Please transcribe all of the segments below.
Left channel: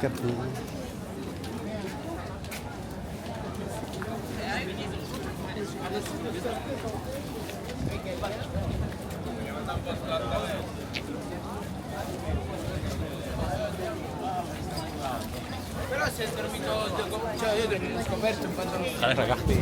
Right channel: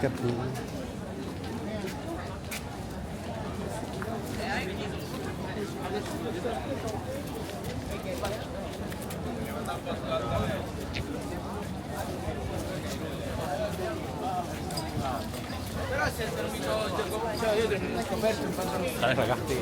Capri. Però si è dormito, cioè io devo una coperta in pantalone. Ragazzi.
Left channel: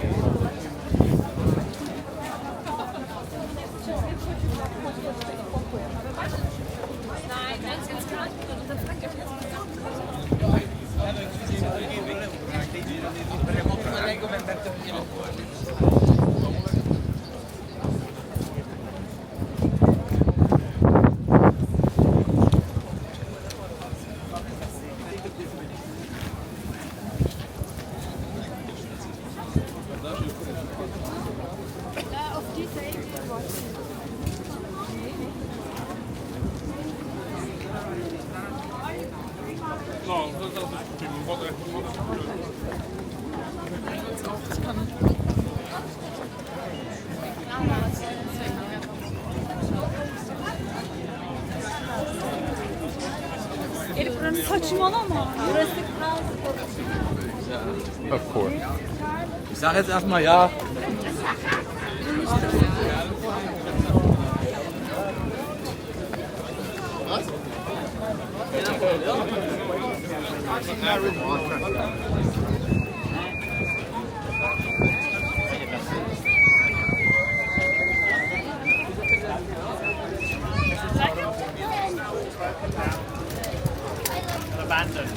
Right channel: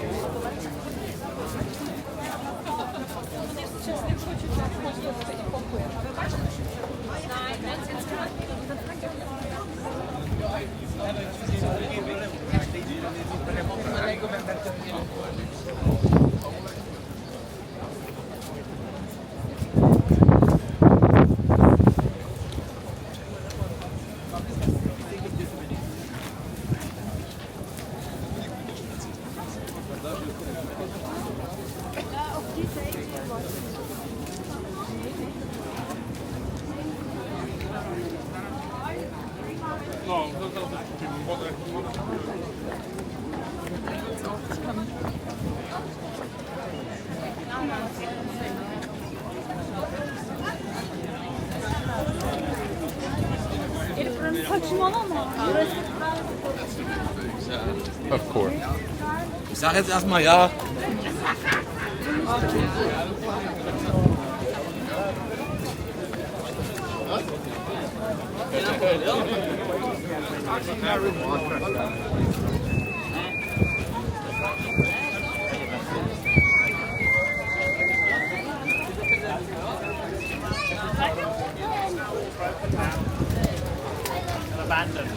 Saçmalama. Okay. Ich sag jetzt erstmal ja. Abandoned.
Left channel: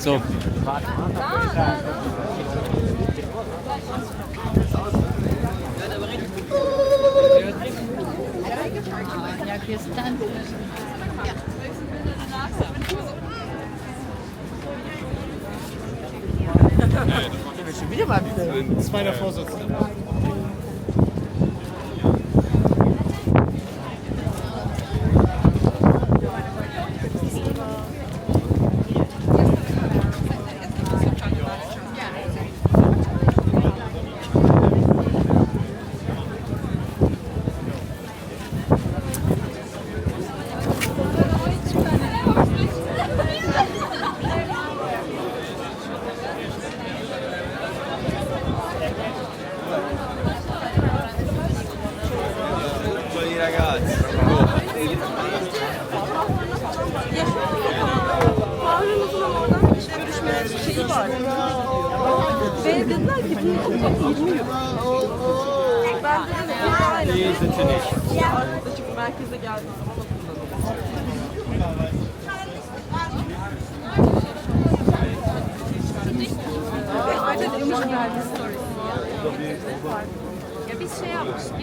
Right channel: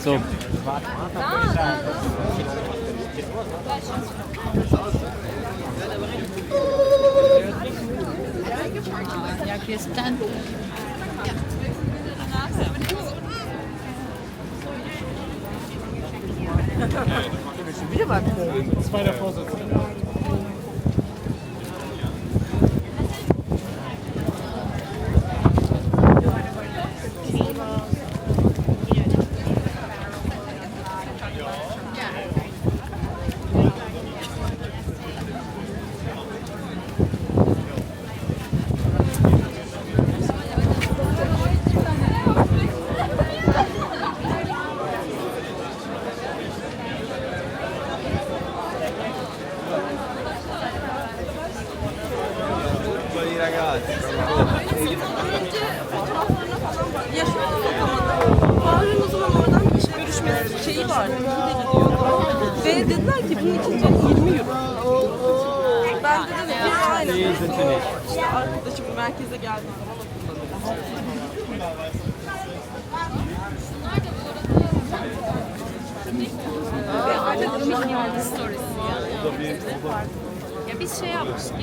So. Jak jest ten? Wieder mal zweiter Vorsitzender. şeyi var. Ve dediler ki bu çok iyi. Ben de arkadaşım merkeze geldi. Ya biz şey yapmıştık.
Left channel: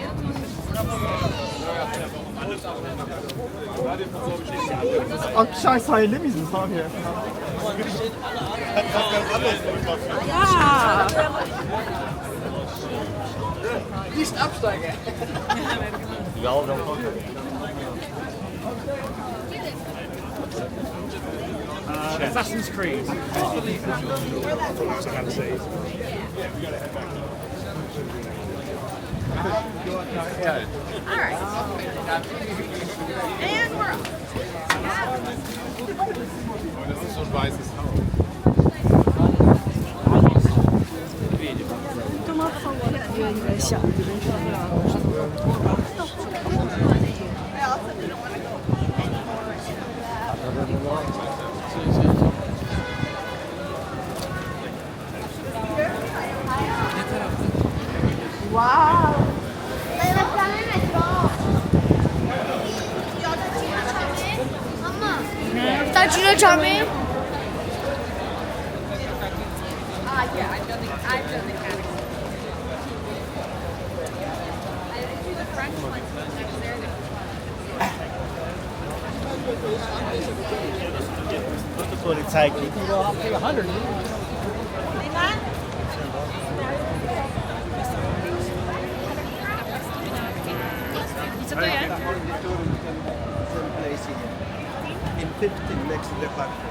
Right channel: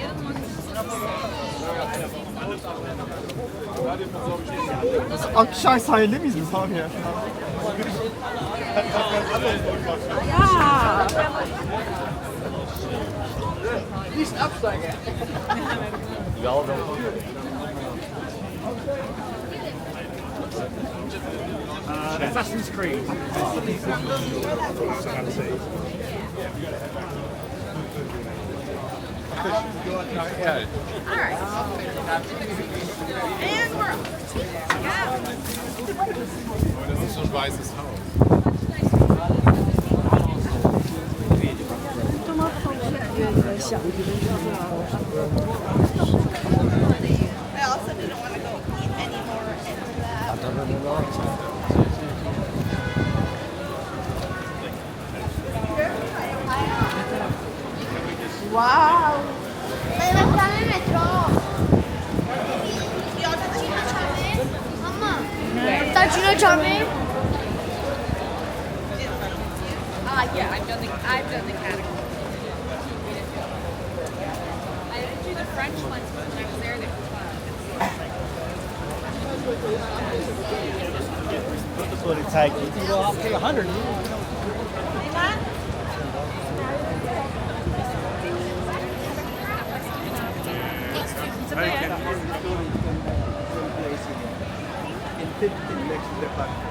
Akşam sahilde miyiz biz abi ya? Ya. Assassin's Creed. All right. And we're off. Das ist schon weißes Haus. Tacına çalmayı. Yeah, I've done the category. I didn't do the French ones when I was there. They were fun. What's the Polizei? It's a good. Next to the park.